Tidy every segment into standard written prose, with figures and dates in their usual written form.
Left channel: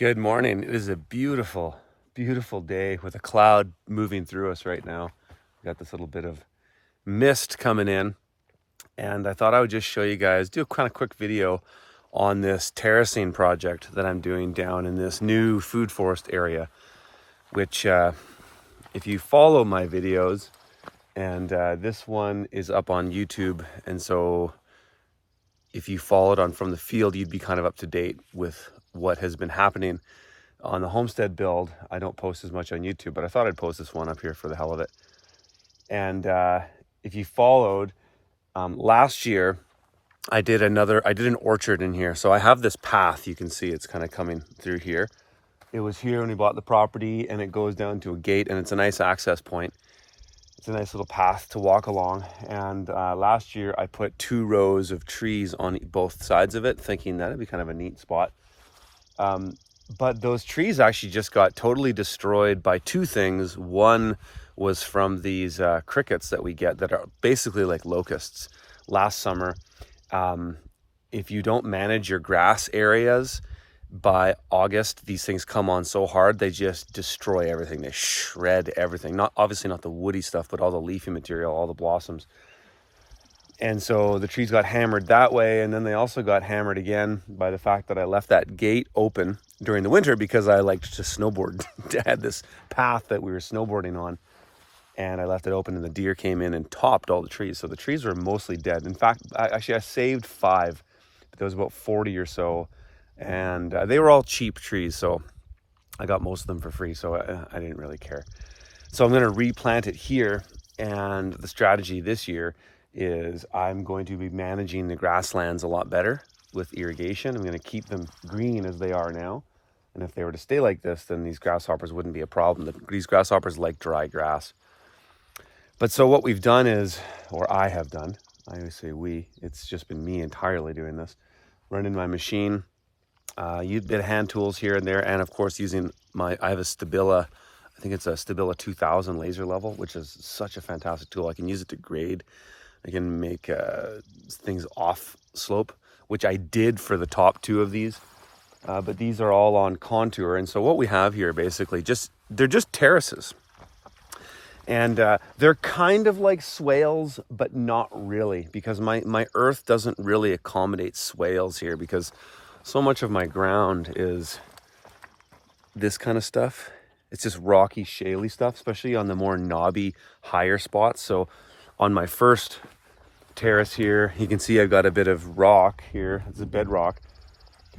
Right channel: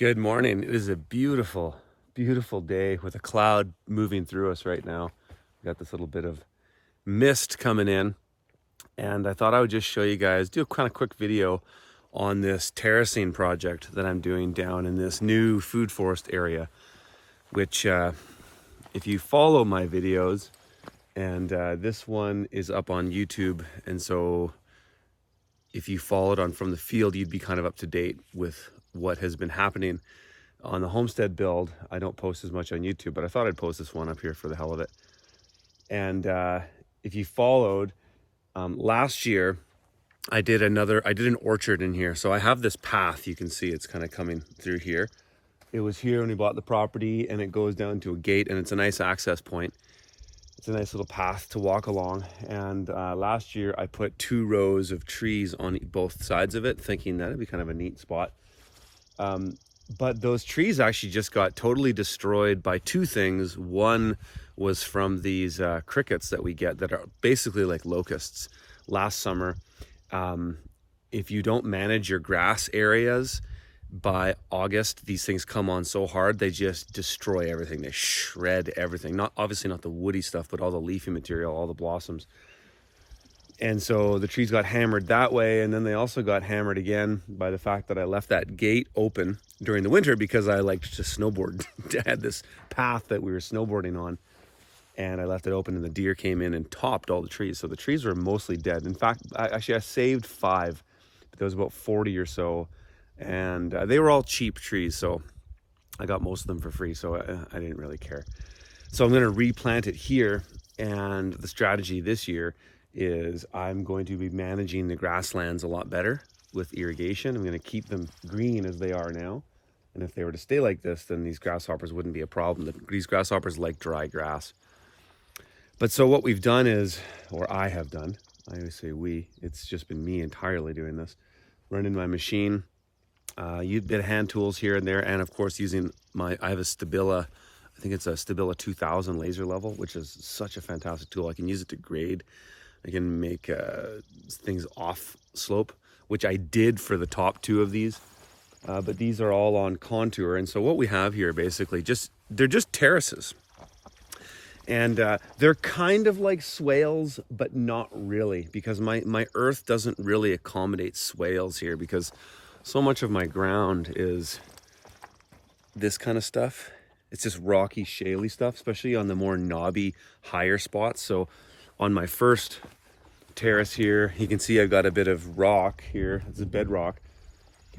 Good morning. It is a beautiful, beautiful day with a cloud moving through us right now. We got this little bit of mist coming in, and I thought I would just show you guys, do a kind of quick video on this terracing project that I'm doing down in this new food forest area, which if you follow my videos, and this one is up on YouTube, and so if you followed on from the field, you'd be kind of up to date with what has been happening on the Homestead build. I don't post as much on YouTube, but I thought I'd post this one up here for the hell of it. And if you followed, last year I did an orchard in here. So I have this path, you can see it's kind of coming through here. It was here when we bought the property, and it goes down to a gate, and it's a nice access point. It's a nice little path to walk along. And last year I put 2 rows of trees on both sides of it, thinking that it'd be kind of a neat spot. But those trees actually just got totally destroyed by 2 things. One was from these crickets that we get that are basically like locusts. Last summer, if you don't manage your grass areas, by August, these things come on so hard, they just destroy everything. They shred everything. Obviously not the woody stuff, but all the leafy material, all the blossoms. And so the trees got hammered that way. And then they also got hammered again by the fact that I left that gate open during the winter because I liked to snowboard. I had this path that we were snowboarding on, and I left it open, and the deer came in and topped all the trees. So the trees were mostly dead. In fact, I saved 5, but there was about 40 or so. And they were all cheap trees, so I got most of them for free, so I didn't really care. So I'm going to replant it here, and the strategy this year is I'm going to be managing the grasslands a lot better with irrigation. I'm going to keep them green as they are now, and if they were to stay like this, then these grasshoppers wouldn't be a problem. These grasshoppers like dry grass. But so what we've done is, or I have done, I always say we, it's just been me entirely doing this, running my machine, a bit of hand tools here and there, and of course using I have a Stabila, I think it's a Stabila 2000 laser level, which is such a fantastic tool. I can use it to grade. I can make things off slope, which I did for the top 2 of these, but these are all on contour. And so what we have here basically they're just terraces, and they're kind of like swales, but not really, because my earth doesn't really accommodate swales here, because so much of my ground is this kind of stuff. It's just rocky, shaly stuff, especially on the more knobby, higher spots. So on my first terrace here, you can see I've got a bit of rock here. It's a bedrock.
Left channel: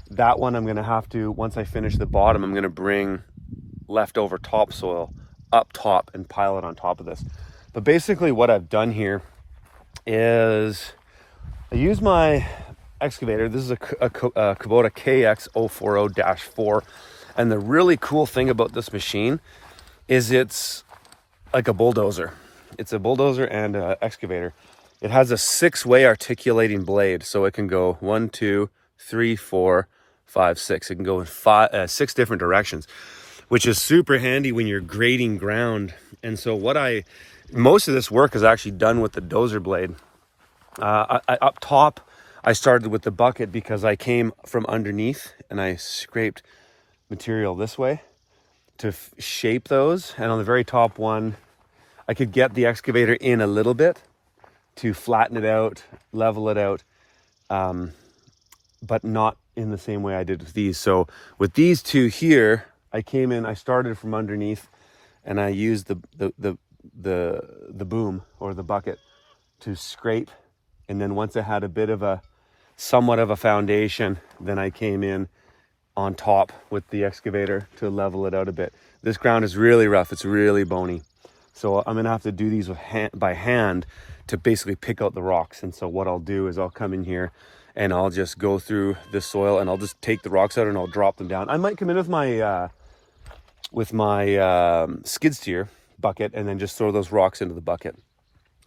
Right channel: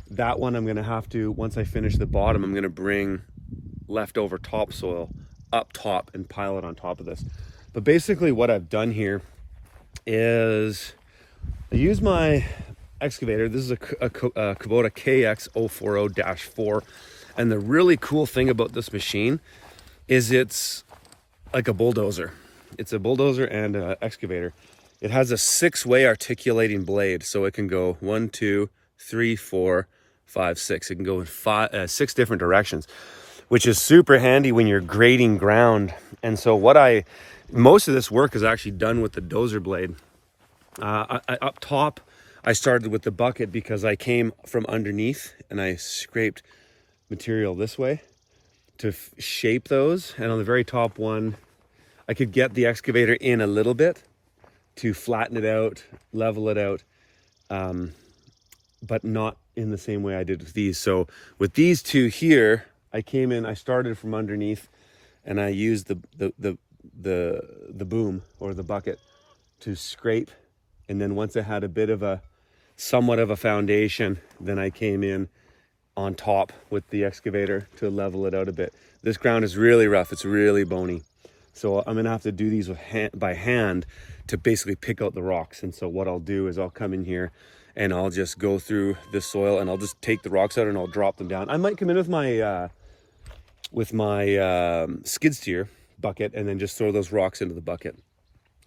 That one I'm going to have to, once I finish the bottom, I'm going to bring leftover topsoil up top and pile it on top of this. But basically what I've done here is I use my excavator. This is a Kubota KX040-4, and the really cool thing about this machine is it's like a bulldozer. It's a bulldozer and an excavator. It has a 6-way articulating blade, so it can go 1, 2, 3, 4, 5, 6. It can go in 6 different directions, which is super handy when you're grading ground. And so most of this work is actually done with the dozer blade. Up top, I started with the bucket because I came from underneath and I scraped material this way to shape those. And on the very top one, I could get the excavator in a little bit to flatten it out, level it out, but not in the same way I did with these. So with these 2 here, I came in, I started from underneath, and I used the boom or the bucket to scrape. And then once I had a bit of somewhat of a foundation, then I came in on top with the excavator to level it out a bit. This ground is really rough. It's really bony. So I'm going to have to do these by hand to basically pick out the rocks. And so what I'll do is I'll come in here and I'll just go through the soil and I'll just take the rocks out and I'll drop them down. I might come in with my skid steer bucket and then just throw those rocks into the bucket.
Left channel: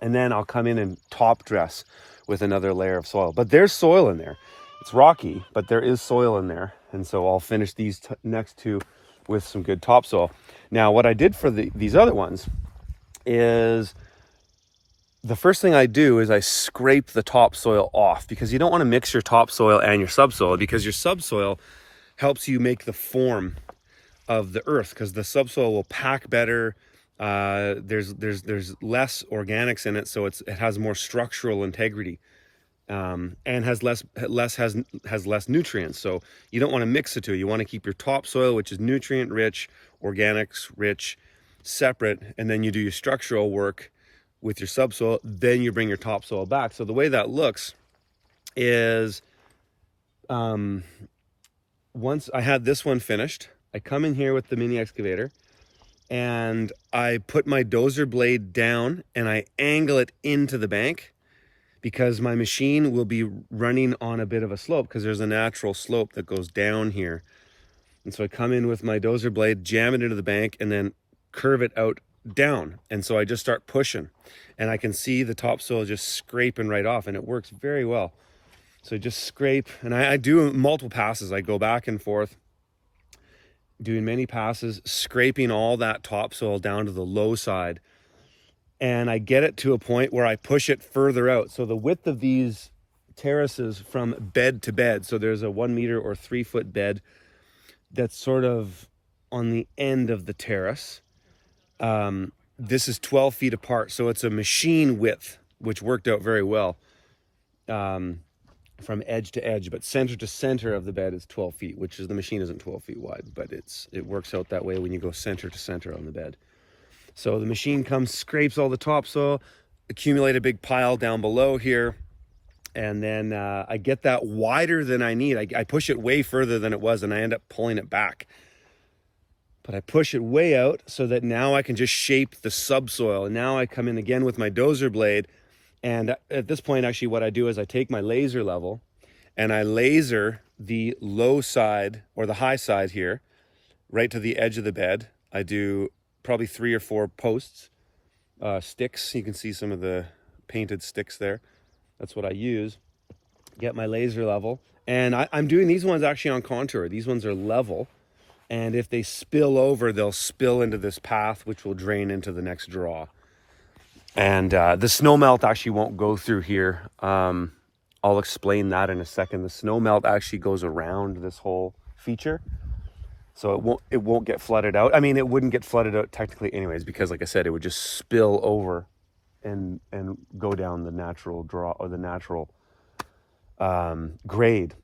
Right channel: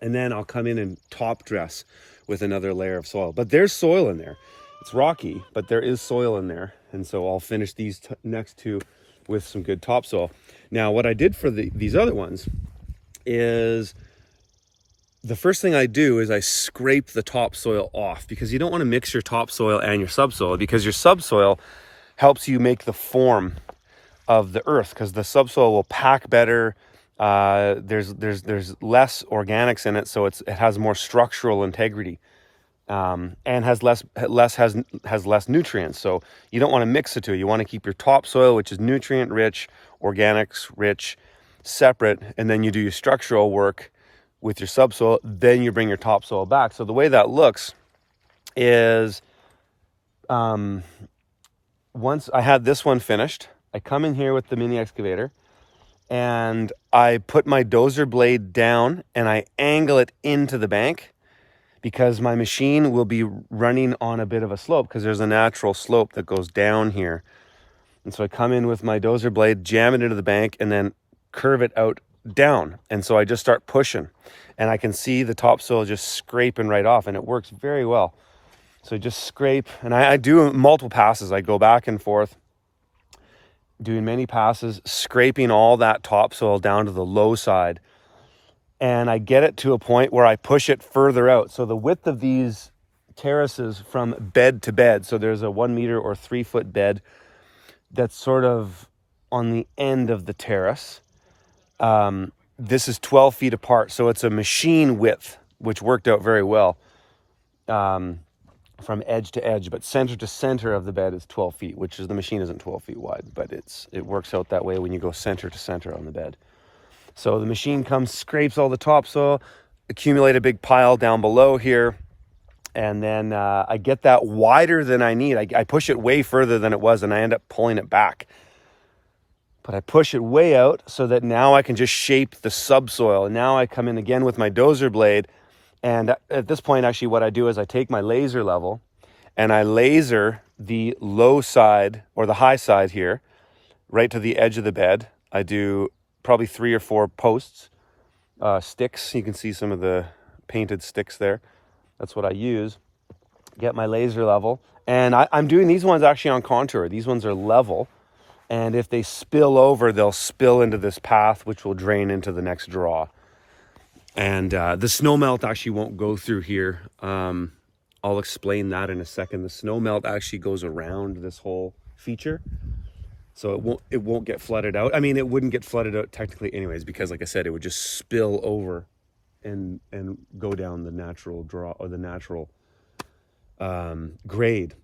And then I'll come in and top dress with another layer of soil. But there's soil in there. It's rocky, but there is soil in there. And so I'll finish these next 2 with some good topsoil. Now, what I did for these other ones is the first thing I do is I scrape the topsoil off, because you don't want to mix your topsoil and your subsoil, because your subsoil helps you make the form of the earth, because the subsoil will pack better. There's less organics in it, so it has more structural integrity, and has less nutrients. So you don't want to mix the two. You want to keep your topsoil, which is nutrient rich, organics rich, separate, and then you do your structural work with your subsoil. Then you bring your topsoil back. So the way that looks is, once I had this one finished, I come in here with the mini excavator and I put my dozer blade down and I angle it into the bank, because my machine will be running on a bit of a slope, because there's a natural slope that goes down here. And so I come in with my dozer blade, jam it into the bank, and then curve it out down. And so I just start pushing, and I can see the topsoil just scraping right off, and it works very well. So just scrape, and I do multiple passes. I go back and forth, doing many passes, scraping all that topsoil down to the low side. And I get it to a point where I push it further out. So the width of these terraces from bed to bed, so there's a 1 meter or 3 foot bed that's sort of on the end of the terrace. This is 12 feet apart. So it's a machine width, which worked out very well, from edge to edge, but center to center of the bed is 12 feet, which is, the machine isn't 12 feet wide, but it works out that way when you go center to center on the bed. So the machine comes, scrapes all the topsoil, accumulate a big pile down below here, and then I get that wider than I need. I push it way further than it was, and I end up pulling it back. But I push it way out so that now I can just shape the subsoil. And now I come in again with my dozer blade, and at this point, actually, what I do is I take my laser level and I laser the low side or the high side here, right to the edge of the bed. I do probably 3 or 4 posts, sticks. You can see some of the painted sticks there. That's what I use. Get my laser level. And I'm doing these ones actually on contour. These ones are level. And if they spill over, they'll spill into this path, which will drain into the next draw. And the snow melt actually won't go through here. I'll explain that in a second. The snow melt actually goes around this whole feature, so it won't get flooded out. I mean, it wouldn't get flooded out technically anyways, because like I said, it would just spill over and go down the natural draw, or the natural grade.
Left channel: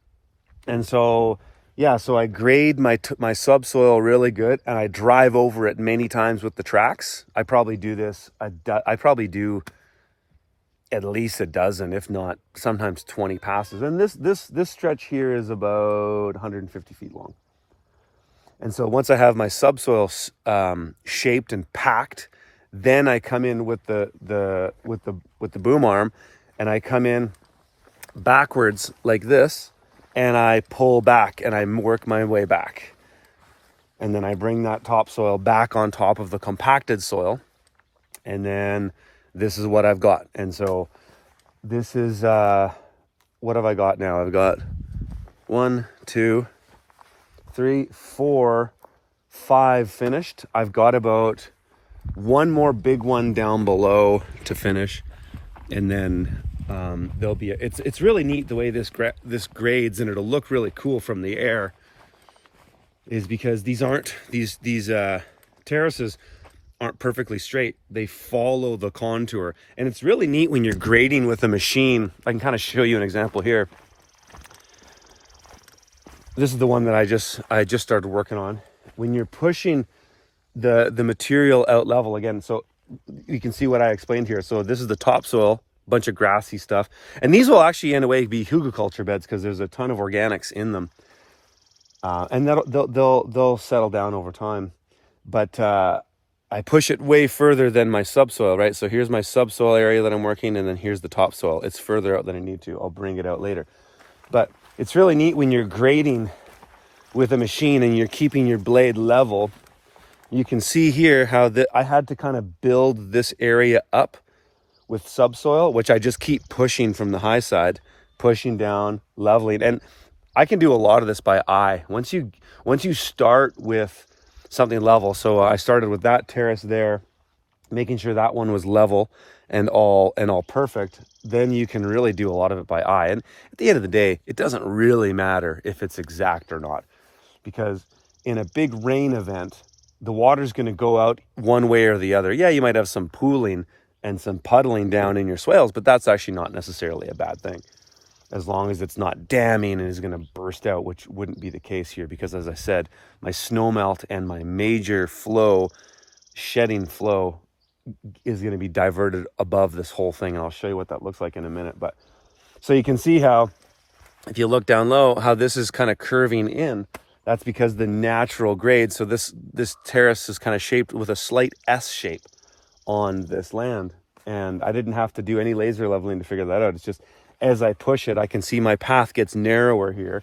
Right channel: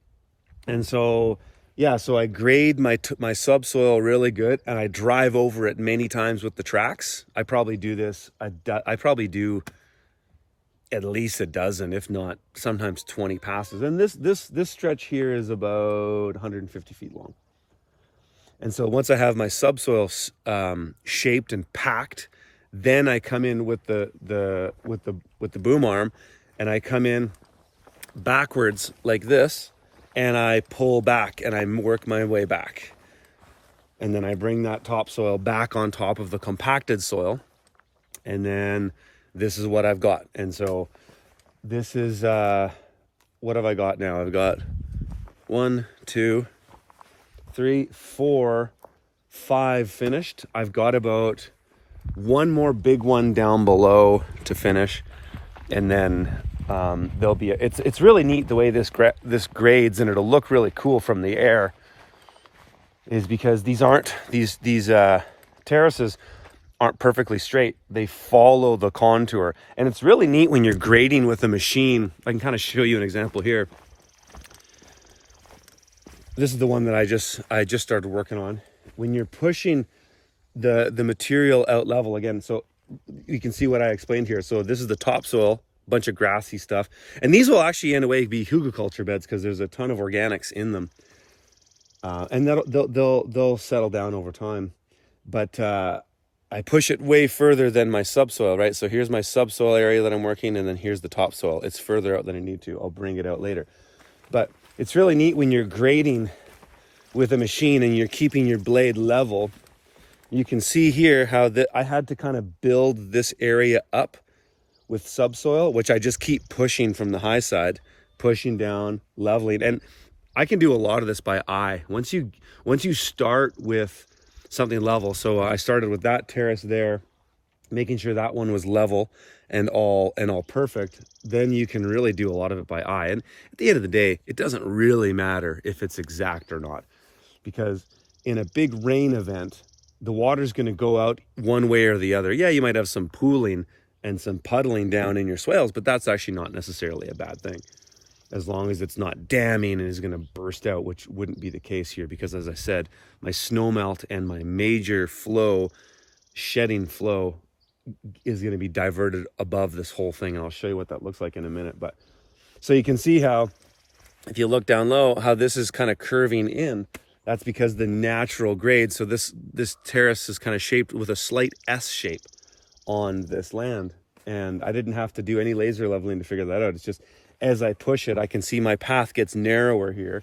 And so yeah, so I grade my subsoil really good, and I drive over it many times with the tracks. I probably do this. I probably do at least a dozen, if not sometimes 20 passes. And this stretch here is about 150 feet long. And so once I have my subsoil shaped and packed, then I come in with the boom arm, and I come in backwards like this, and I pull back and I work my way back. And then I bring that topsoil back on top of the compacted soil. And then this is what I've got. And so this is, what have I got now? I've got 1, 2, 3, 4, 5 finished. I've got about 1 more big one down below to finish. And then there'll be it's really neat the way this grades, and it'll look really cool from the air, is because these terraces aren't perfectly straight. They follow the contour, and it's really neat when you're grading with a machine. I can kind of show you an example here. This is the one that I just started working on. When you're pushing the material out level again, so you can see what I explained here. So this is the topsoil, bunch of grassy stuff, and these will actually in a way be hügelkultur beds, because there's a ton of organics in them, and they'll settle down over time. But I push it way further than my subsoil, right? So here's my subsoil area that I'm working, and then here's the topsoil. It's further out than I need to. I'll bring it out later. But it's really neat when you're grading with a machine and you're keeping your blade level. You can see here how I had to kind of build this area up with subsoil, which I just keep pushing from the high side, pushing down, leveling. And I can do a lot of this by eye. Once you start with something level, so I started with that terrace there, making sure that one was level and all perfect, then you can really do a lot of it by eye. And at the end of the day, it doesn't really matter if it's exact or not. because in a big rain event, the water's going to go out one way or the other. Yeah, you might have some pooling and some puddling down in your swales, but that's actually not necessarily a bad thing, as long as it's not damming and is going to burst out, which wouldn't be the case here, because as I said, my snowmelt and my major flow, shedding flow, is going to be diverted above this whole thing, and I'll show you what that looks like in a minute. But so you can see how, if you look down low, how this is kind of curving in. That's because the natural grade, so this terrace is kind of shaped with a slight S shape on this land, and I didn't have to do any laser leveling to figure that out. It's just as I push it, I can see my path gets narrower here,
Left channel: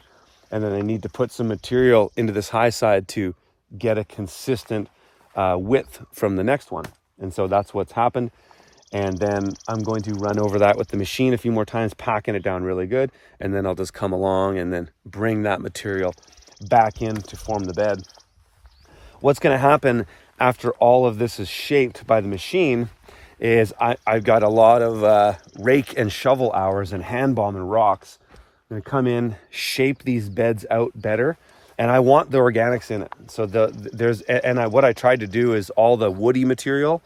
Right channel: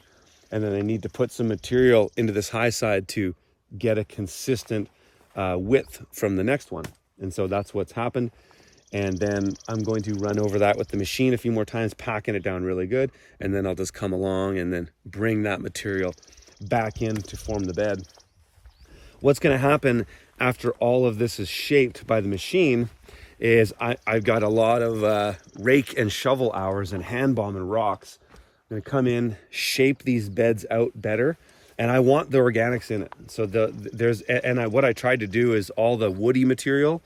and then I need to put some material into this high side to get a consistent width from the next one. And so that's what's happened. And then I'm going to run over that with the machine a few more times, packing it down really good. And then I'll just come along and then bring that material back in to form the bed. What's going to happen after all of this is shaped by the machine is I've got a lot of rake and shovel hours and hand bomb and rocks. I'm going to come in, shape these beds out better. And I want the organics in it. So what I tried to do is all the woody material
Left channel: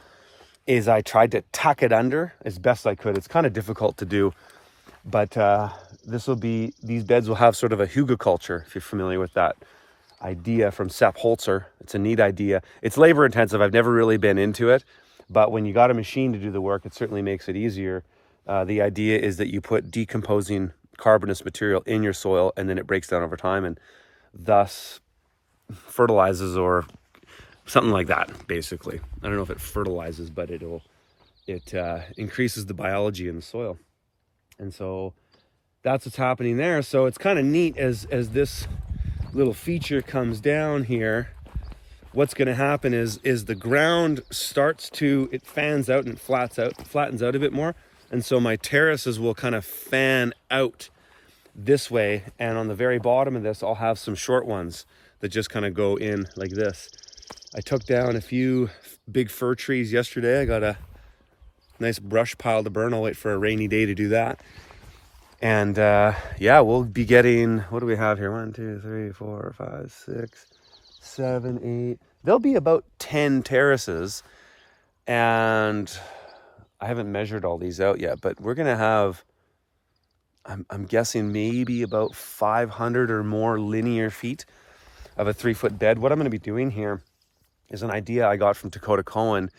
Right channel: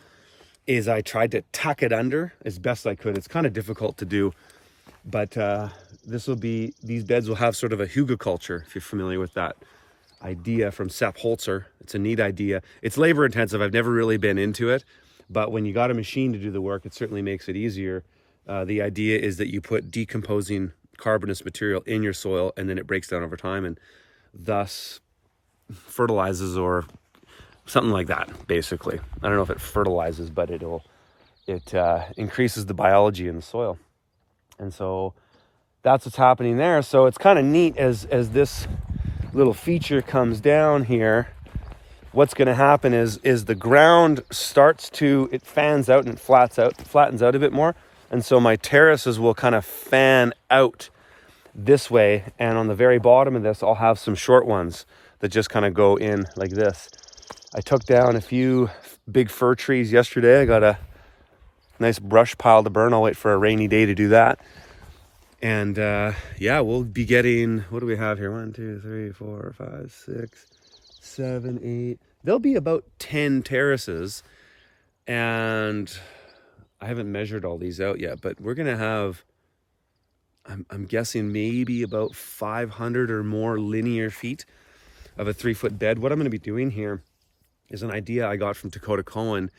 is I tried to tuck it under as best I could. It's kind of difficult to do, but these beds will have sort of a hügelkultur, if you're familiar with that idea from Sepp Holzer. It's a neat idea. It's labor intensive. I've never really been into it, but when you got a machine to do the work, it certainly makes it easier. The idea is that you put decomposing carbonous material in your soil, and then it breaks down over time and thus fertilizes, or something like that, basically. I don't know if it fertilizes, but it increases the biology in the soil. And so that's what's happening there. So it's kind of neat as this little feature comes down here. What's going to happen is the ground it fans out and it flattens out a bit more. And so my terraces will kind of fan out this way, and on the very bottom of this I'll have some short ones that just kind of go in like this. I took down a few big fir trees yesterday. I got a nice brush pile to burn. I'll wait for a rainy day to do that. And yeah, we'll be getting, what do we have here? 1, 2, 3, 4, 5, 6, 7, 8. There'll be about 10 terraces, and I haven't measured all these out yet, but we're gonna have, I'm guessing maybe about 500 or more linear feet of a 3-foot bed. What I'm going to be doing here is an idea I got from Dakota Cohen,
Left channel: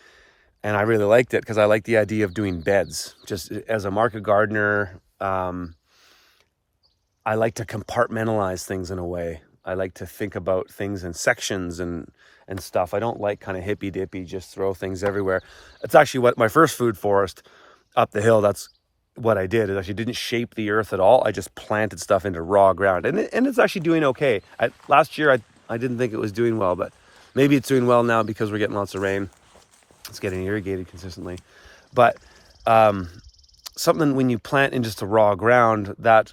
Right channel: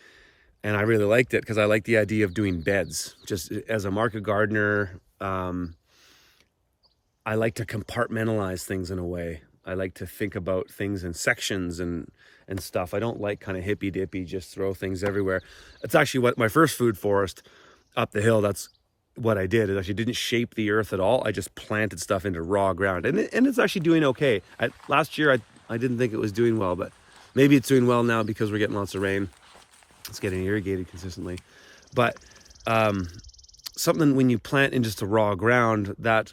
and I really liked it because I like the idea of doing beds. Just as a market gardener, I like to compartmentalize things in a way. I like to think about things in sections and stuff. I don't like kind of hippy dippy, just throw things everywhere. It's actually what my first food forest up the hill, that's what I did. Is actually didn't shape the earth at all. I just planted stuff into raw ground, and it's actually doing okay. Last year I didn't think it was doing well, but maybe it's doing well now because we're getting lots of rain. It's getting irrigated consistently. But something, when you plant in just the raw ground, that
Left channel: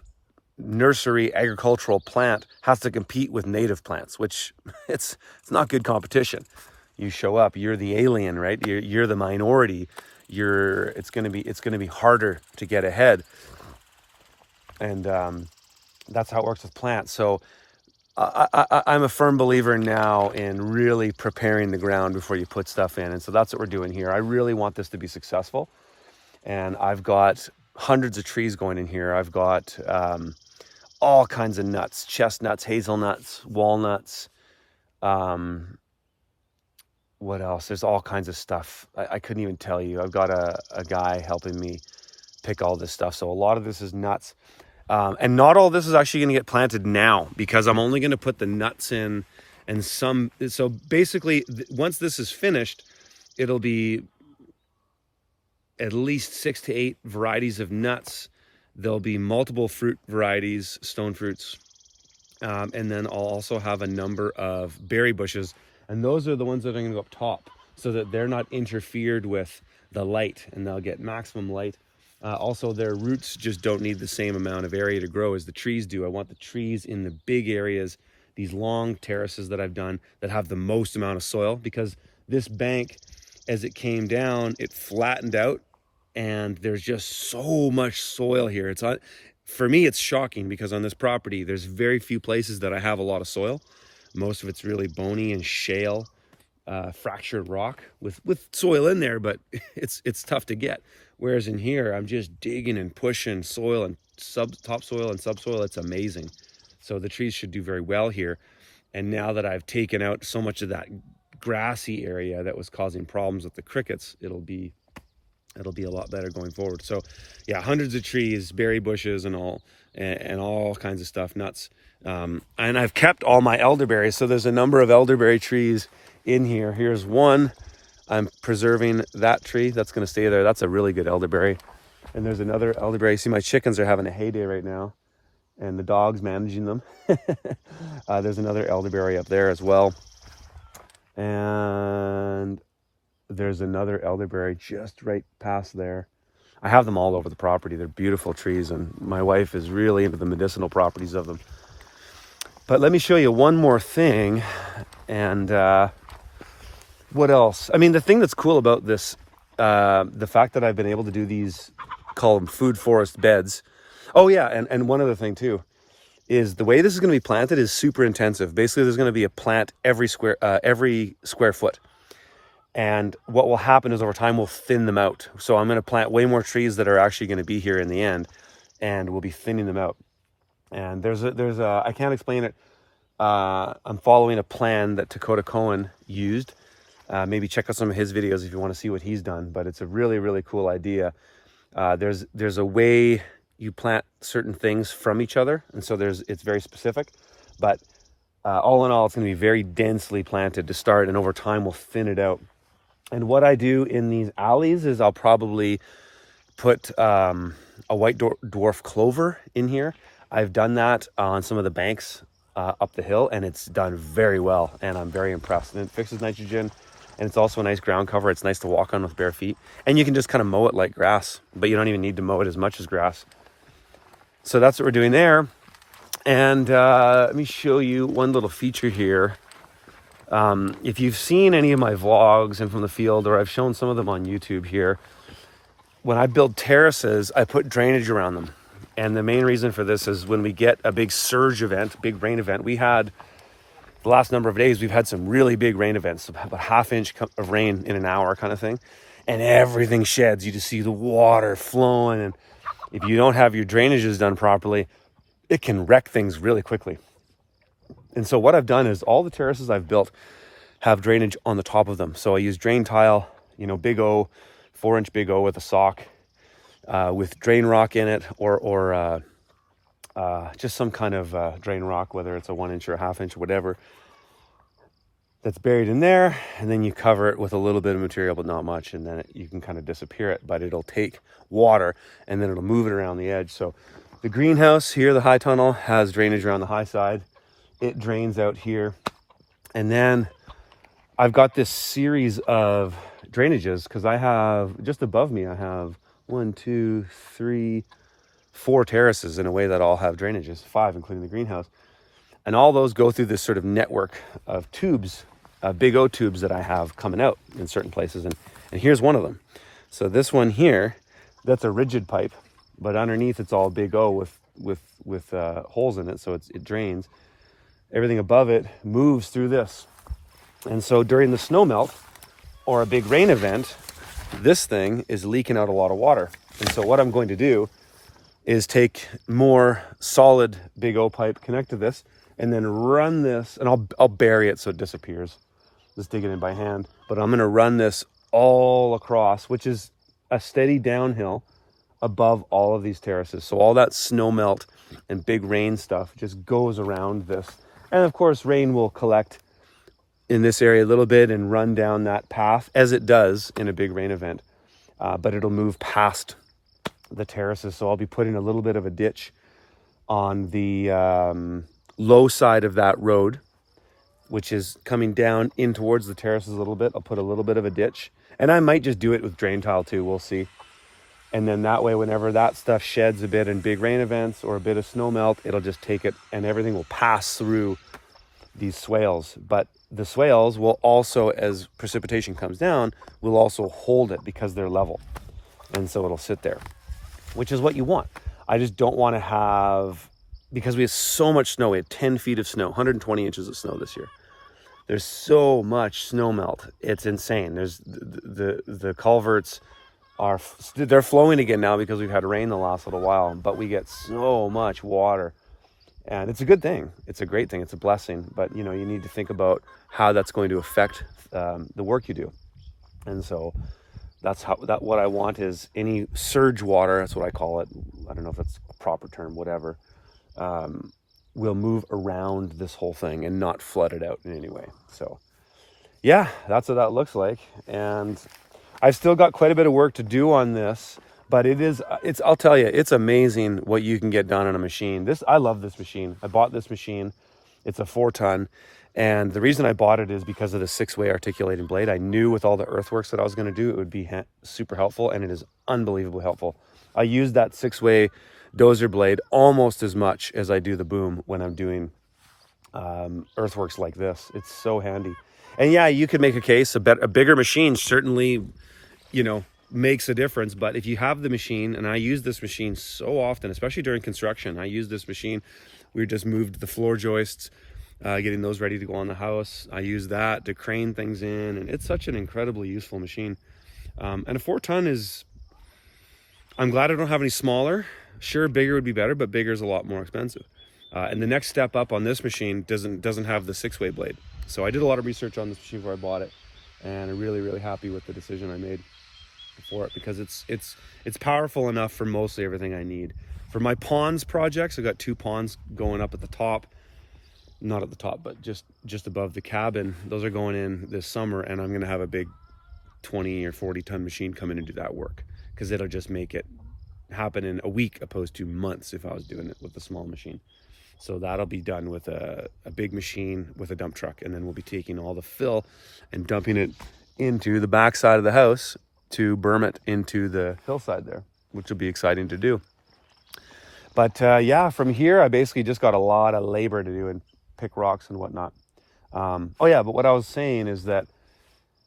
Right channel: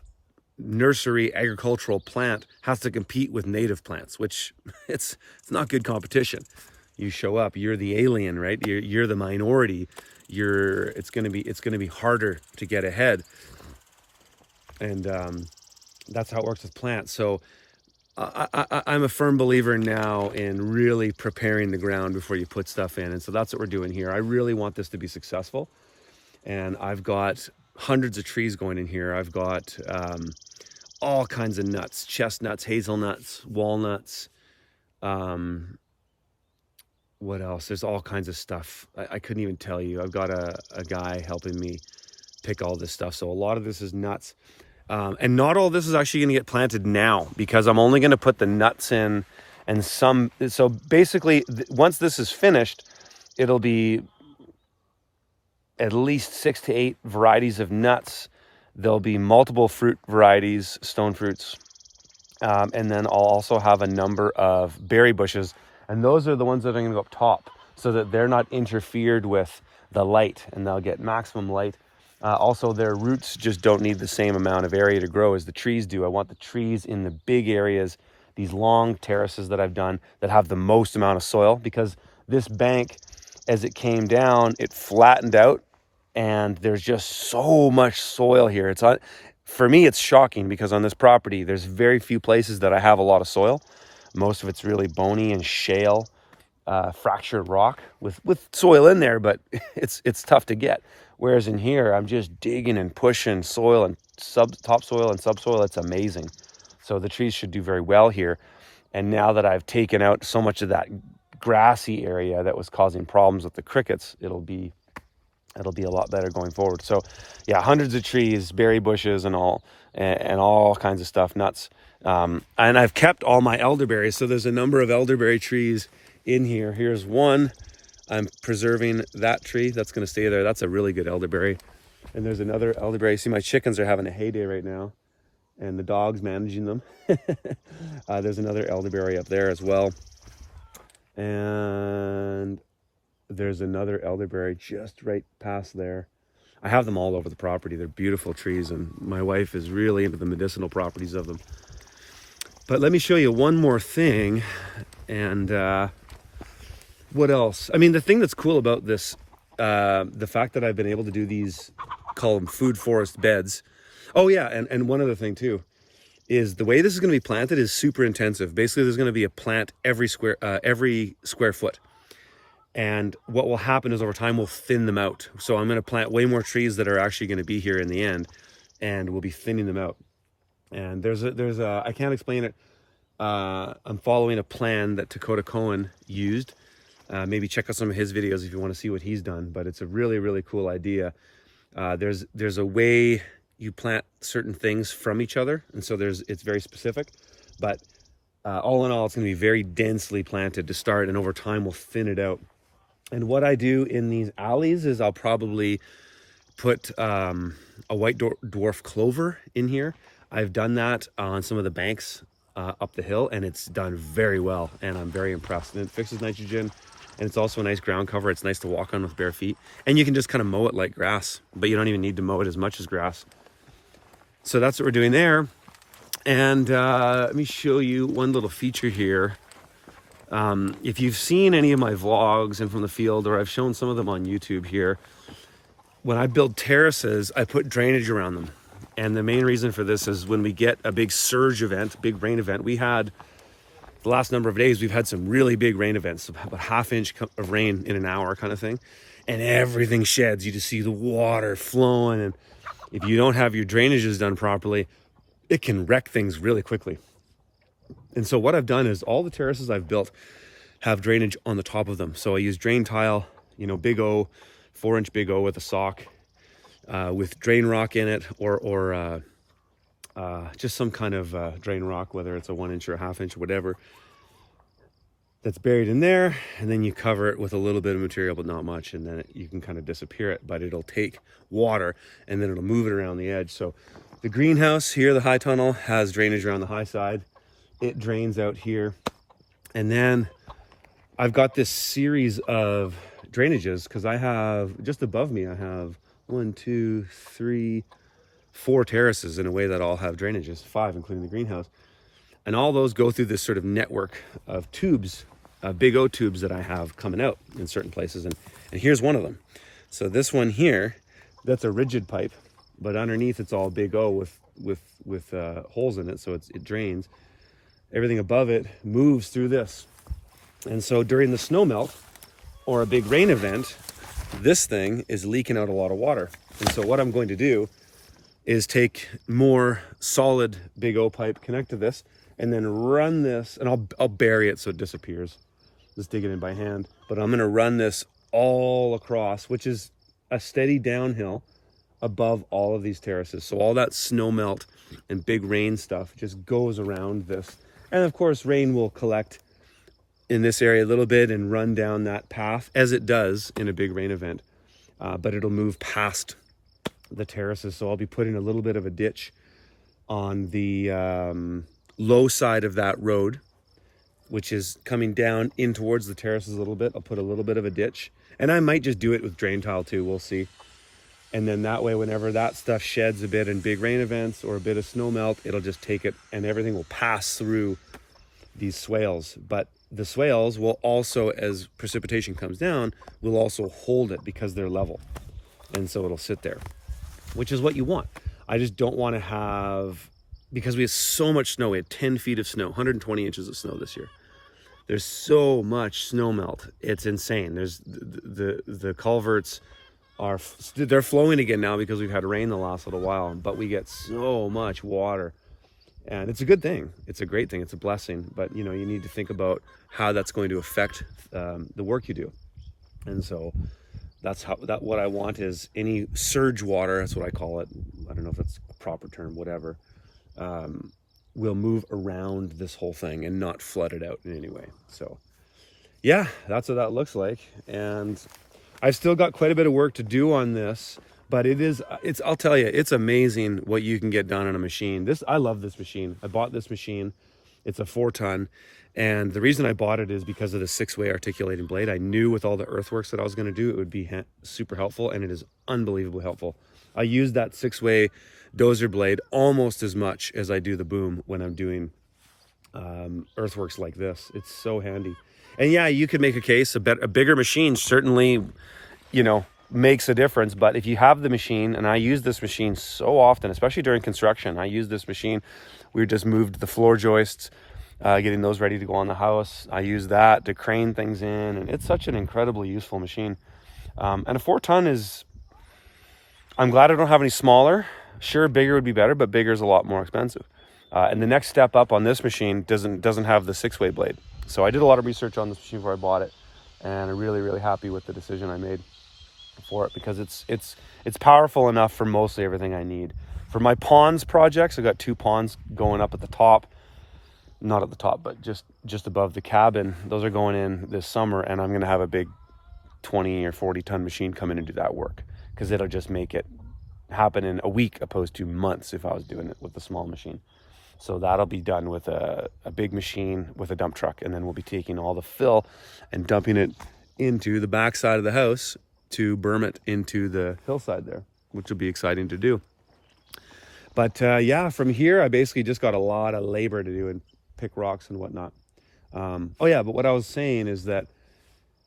nursery agricultural plant has to compete with native plants, which it's not good competition. You show up, you're the alien, right? You're the minority. It's gonna be harder to get ahead, and that's how it works with plants. So I'm a firm believer now in really preparing the ground before you put stuff in, and so that's what we're doing here. I really want this to be successful, and I've got hundreds of trees going in here. I've got all kinds of nuts: chestnuts, hazelnuts, walnuts. What else? There's all kinds of stuff. I couldn't even tell you. I've got a guy helping me pick all this stuff. So a lot of this is nuts. And not all this is actually going to get planted now, because I'm only going to put the nuts in and some. So basically, once this is finished, it'll be at least 6 to 8 varieties of nuts. There'll be multiple fruit varieties, stone fruits. And then I'll also have a number of berry bushes. And those are the ones that are going to go up top, so that they're not interfered with the light, and they'll get maximum light. Also, their roots just don't need the same amount of area to grow as the trees do. I want the trees in the big areas, these long terraces that I've done, that have the most amount of soil, because this bank, as it came down, it flattened out, and there's just so much soil here. For me, it's shocking, because on this property, there's very few places that I have a lot of soil. Most of it's really bony and shale, fractured rock with soil in there, but it's tough to get. Whereas in here, I'm just digging and pushing soil and topsoil and subsoil. It's amazing. So the trees should do very well here. And now that I've taken out so much of that grassy area that was causing problems with the crickets, it'll be a lot better going forward. So yeah, hundreds of trees, berry bushes and all kinds of stuff, nuts. And I've kept all my elderberries. So there's a number of elderberry trees in here. Here's one. I'm preserving that tree. That's going to stay there. That's a really good elderberry. And there's another elderberry. See, my chickens are having a heyday right now, and the dog's managing them. There's another elderberry up there as well. And there's another elderberry just right past there. I have them all over the property. They're beautiful trees, and my wife is really into the medicinal properties of them. But let me show you one more thing. And what else? I mean, the thing that's cool about this, the fact that I've been able to do these, call them food forest beds. Oh yeah, and one other thing too, is the way this is going to be planted is super intensive. Basically, there's going to be a plant every square foot. And what will happen is over time, we'll thin them out. So I'm going to plant way more trees that are actually going to be here in the end, and we'll be thinning them out. And there's a I can't explain it. I'm following a plan that Dakota Cohen used. Maybe check out some of his videos if you want to see what he's done, but it's a really, really cool idea. There's a way you plant certain things from each other. And so it's very specific, but all in all, it's going to be very densely planted to start. And over time, we'll thin it out. And what I do in these alleys is I'll probably put a white dwarf clover in here. I've done that on some of the banks up the hill, and it's done very well. And I'm very impressed. And it fixes nitrogen. And it's also a nice ground cover. It's nice to walk on with bare feet. And you can just kind of mow it like grass, but you don't even need to mow it as much as grass. So that's what we're doing there. And let me show you one little feature here. If you've seen any of my vlogs and from the field, or I've shown some of them on YouTube here, when I build terraces, I put drainage around them. And the main reason for this is when we get a big surge event, big rain event, we had the last number of days, we've had some really big rain events, about ½ inch of rain in an hour kind of thing. And everything sheds. You just see the water flowing. And if you don't have your drainages done properly, it can wreck things really quickly. And so what I've done is all the terraces I've built have drainage on the top of them. So I use drain tile, big O, 4-inch big O with a sock, with drain rock in it, or just some kind of drain rock, whether it's a 1-inch or a ½ inch or whatever, that's buried in there. And then you cover it with a little bit of material, but not much. And then you can kind of disappear it, but it'll take water and then it'll move it around the edge. So the greenhouse here, the high tunnel, has drainage around the high side. It drains out here. And then I've got this series of drainages because I have, just above me, I have 1, 2, 3, 4 terraces in a way that all have drainages, 5 including the greenhouse. And all those go through this sort of network of tubes, big O tubes that I have coming out in certain places. And here's one of them. So this one here, that's a rigid pipe, but underneath it's all big O with holes in it, so it drains. Everything above it moves through this. And so during the snow melt or a big rain event, this thing is leaking out a lot of water. And so what I'm going to do is take more solid big O pipe, connect to this, and then run this, and I'll bury it so it disappears. Just dig it in by hand. But I'm gonna run this all across, which is a steady downhill above all of these terraces. So all that snow melt and big rain stuff just goes around this. And of course, rain will collect in this area a little bit and run down that path, as it does in a big rain event. But it'll move past the terraces. So I'll be putting a little bit of a ditch on the low side of that road, which is coming down in towards the terraces a little bit. I'll put a little bit of a ditch, and I might just do it with drain tile too. We'll see. And then that way, whenever that stuff sheds a bit in big rain events or a bit of snow melt, it'll just take it and everything will pass through these swales. But the swales will also, as precipitation comes down, will also hold it because they're level. And so it'll sit there, which is what you want. I just don't want to have because we had so much snow. We had 10 feet of snow, 120 inches of snow this year. There's so much snow melt. It's insane. There's the culverts they're flowing again now because we've had rain the last little while, but we get so much water, and it's a good thing. It's a great thing. It's a blessing, but you know, you need to think about how that's going to affect the work you do. And so that's what I want is any surge water, that's what I call it. I don't know if that's a proper term, whatever, will move around this whole thing and not flood it out in any way. So yeah, that's what that looks like. And I've still got quite a bit of work to do on this, but I'll tell you, it's amazing what you can get done on a machine. I love this machine. I bought this machine. It's a 4-ton. And the reason I bought it is because of the 6-way articulating blade. I knew with all the earthworks that I was going to do, it would be super helpful, and it is unbelievably helpful. I use that 6-way dozer blade almost as much as I do the boom when I'm doing earthworks like this. It's so handy. And yeah, you could make a case, a bigger machine certainly, you know, makes a difference. But if you have the machine, and I use this machine so often, especially during construction, I use this machine. We just moved the floor joists, getting those ready to go on the house. I use that to crane things in, and it's such an incredibly useful machine. And a 4-ton is, I'm glad I don't have any smaller. Sure, bigger would be better, but bigger is a lot more expensive. And the next step up on this machine doesn't have the 6-way blade. So I did a lot of research on this machine before I bought it, and I'm really, really happy with the decision I made for it, because it's powerful enough for mostly everything I need. For my ponds projects, I got 2 ponds going up at the top, not at the top, but just above the cabin. Those are going in this summer, and I'm going to have a big 20 or 40-ton machine come in and do that work, because it'll just make it happen in a week opposed to months if I was doing it with a small machine. So that'll be done with a big machine with a dump truck, and then we'll be taking all the fill and dumping it into the back side of the house to berm it into the hillside there, which will be exciting to do. But yeah, from here, I basically just got a lot of labor to do and pick rocks and whatnot. Oh yeah, but what I was saying is that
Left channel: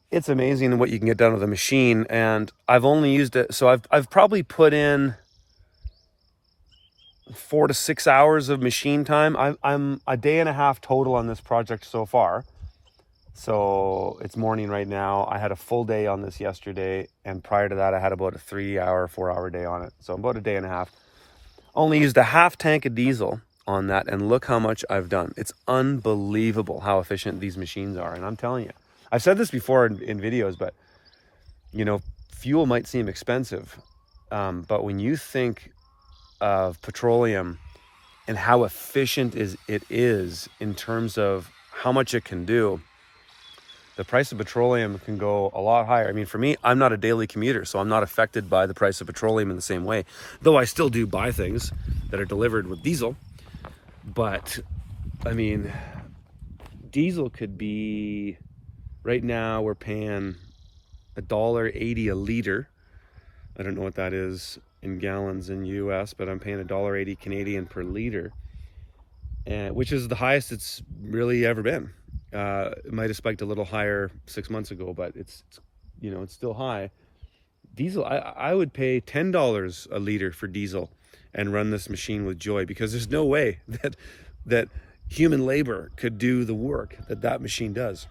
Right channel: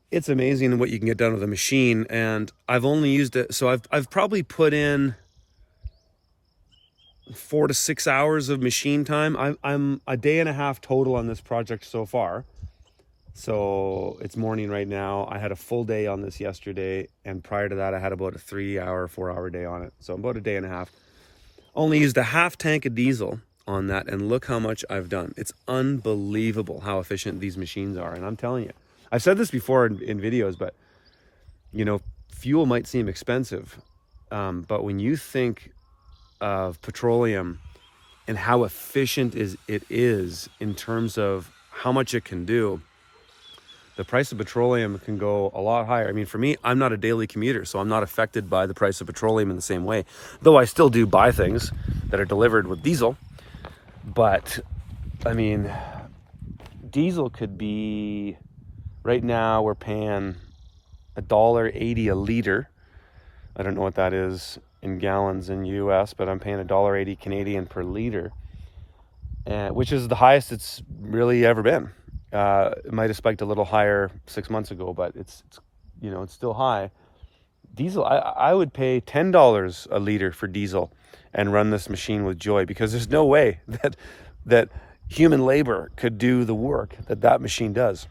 it's amazing what you can get done with a machine, and I've only used it, so I've probably put in 4 to 6 hours of machine time. I'm a day and a half total on this project so far. So it's morning right now. I had a full day on this yesterday, and prior to that I had about a 4-hour day on it. So about a day and a half. Only used a half tank of diesel on that, and look how much I've done. It's unbelievable how efficient these machines are. And I'm telling you, I've said this before in videos, but you know, fuel might seem expensive, but when you think of petroleum and how efficient it is in terms of how much it can do, the price of petroleum can go a lot higher. I mean, for me, I'm not a daily commuter, so I'm not affected by the price of petroleum in the same way, though I still do buy things that are delivered with diesel. But I mean, diesel could be, right now we're paying $1.80 a liter. I don't know what that is in gallons in US, but I'm paying $1.80 Canadian per liter, which is the highest it's really ever been. It might have spiked a little higher 6 months ago, but it's you know, it's still high. Diesel, I would pay $10 a liter for diesel and run this machine with joy, because there's no way that human labor could do the work that machine does.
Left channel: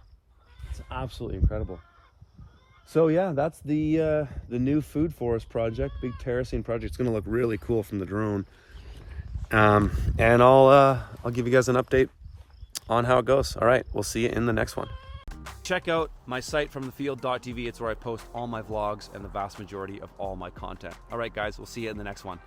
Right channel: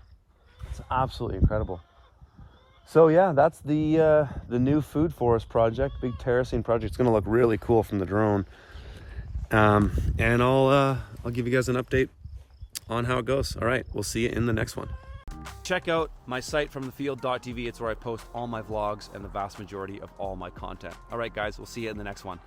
It's absolutely incredible. So yeah, that's the new food forest project, big terracing project. It's going to look really cool from the drone, and I'll give you guys an update on how it goes. All right, we'll see you in the next one. Check out my site fromthefield.tv. It's where I post all my vlogs and the vast majority of all my content. All right, guys, we'll see you in the next one.